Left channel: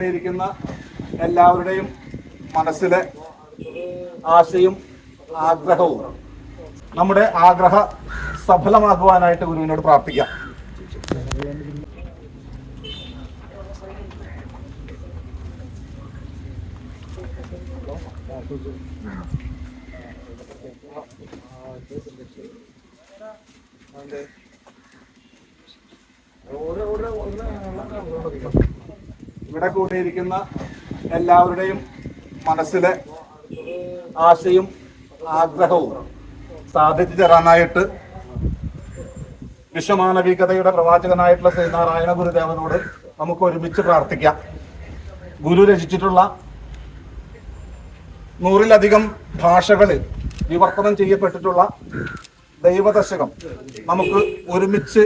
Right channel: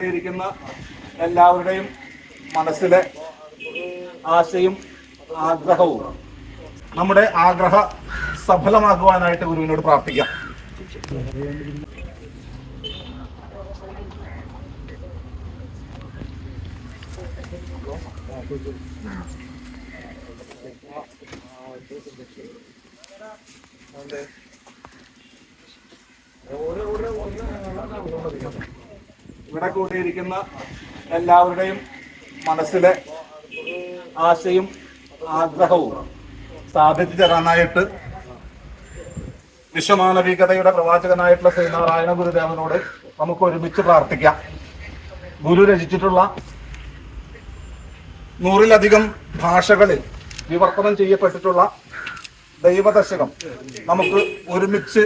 ഇരിക്കുന്ന എല്ലാവരുടെയും മനസ്സിലെ ആശയും ആഗ്രഹവും നമ്മുടെ ആഗ്രഹ സഫലമാക്കുവാനായിട്ട് ഗുരുവിനോട് പ്രാർത്ഥിക്കാം ഇവിടെ കൂടിയിരിക്കുന്ന എല്ലാവരുടെയും മനസ്സിലെ ആശയും ആഗ്രഹവും സാധിച്ചു തരാനായിട്ട് വിശ്വമാനവികതയുടെ പ്രവാചകനായിട്ടുള്ള ശ്രീനാരായണ ഗുരുദേവനോട് നമുക്ക് ഒരുമിച്ച് പ്രാർത്ഥിക്കാം. ഗുരു രചിച്ചിട്ടുള്ള നൂറിലധികം ഭാഷകളിൽ വിവർത്തനം ചെയ്യപ്പെട്ടിട്ടുള്ള ദൈവദശകം നമുക്ക് ഒരുമിച്ച്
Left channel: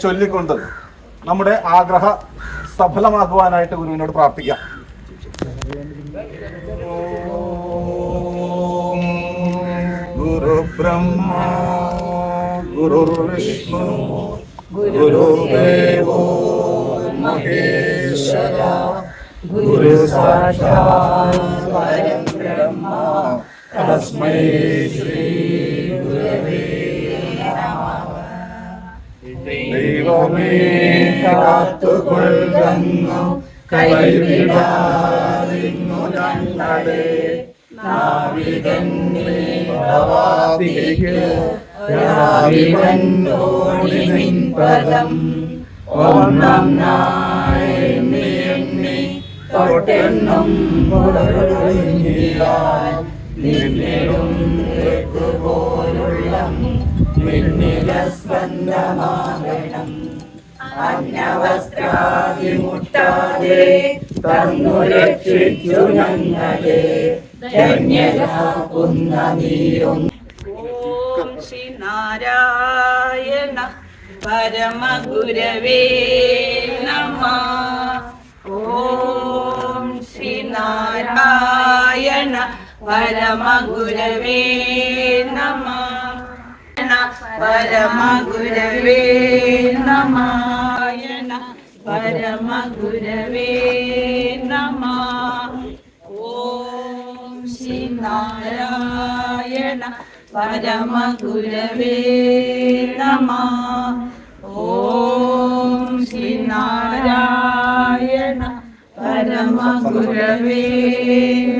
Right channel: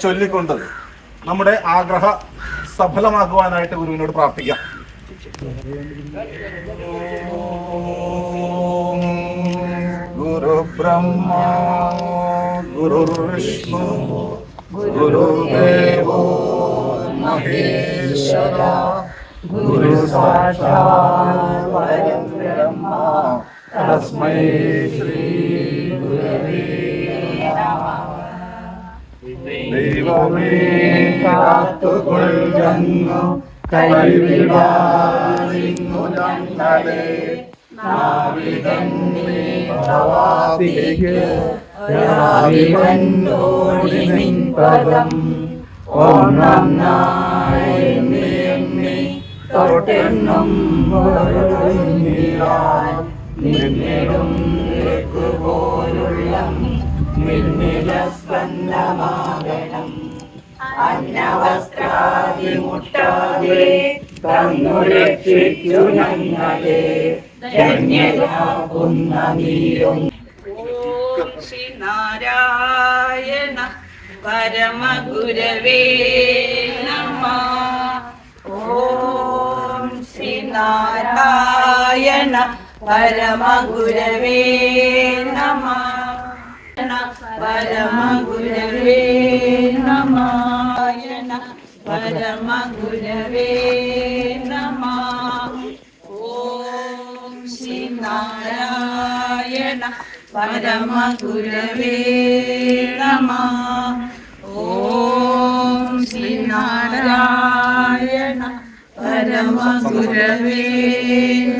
ചൊല്ലിക്കൊണ്ട് നമ്മുടെ ആഗ്രഹ സഫലമാക്കുവാനായിട്ട് ഗുരുവിനോട് പ്രാർത്ഥിക്കാം. ഗുരു ബ്രഹ്മ ഗുരു വിഷ്ണു ഗുരുദേവോ മഹേശ്വര ഗുരു സാക്ഷാത് പരം ബ്രഹ്മ. തസ്മൈ ശ്രീ ദൈവമേ കാത്തുകൊള്ളുന്നു. കൈവിടാതിന്നു രാവിവന്നോടി നിൻ പദം ഓണം എണ്ണി തൊട്ടെണ്ണം നിന്നിടും പോലുള്ള സ്പന്ദമാകണം അന്നവസ്ത്രാതിമുട്ടാതെ തന്നു രക്ഷിച്ചു ഞങ്ങളെ ധന്യരാകുന്ന നീയും. ഓം ശ്രീ പരമഗുരവേ നമ. ഓം ശ്രീ നാരായണ പരമഗുരവേ നമ. പരമഗുരവേ നമായണ പരമഗുരവേ നമ. ഓം ശ്രീ നാരായണ പരമഗുരവേ നമ. ഓം ശ്രീ നാരായണ പരമഗുരവേ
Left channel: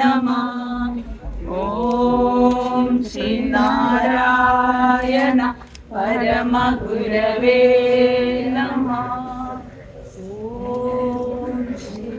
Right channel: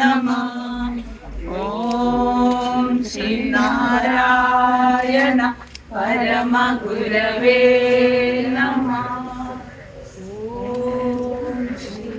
നമ. ഓം ശ്രീ നാരായണ പരമഗുരവേ നമ ഓം ശ്രീ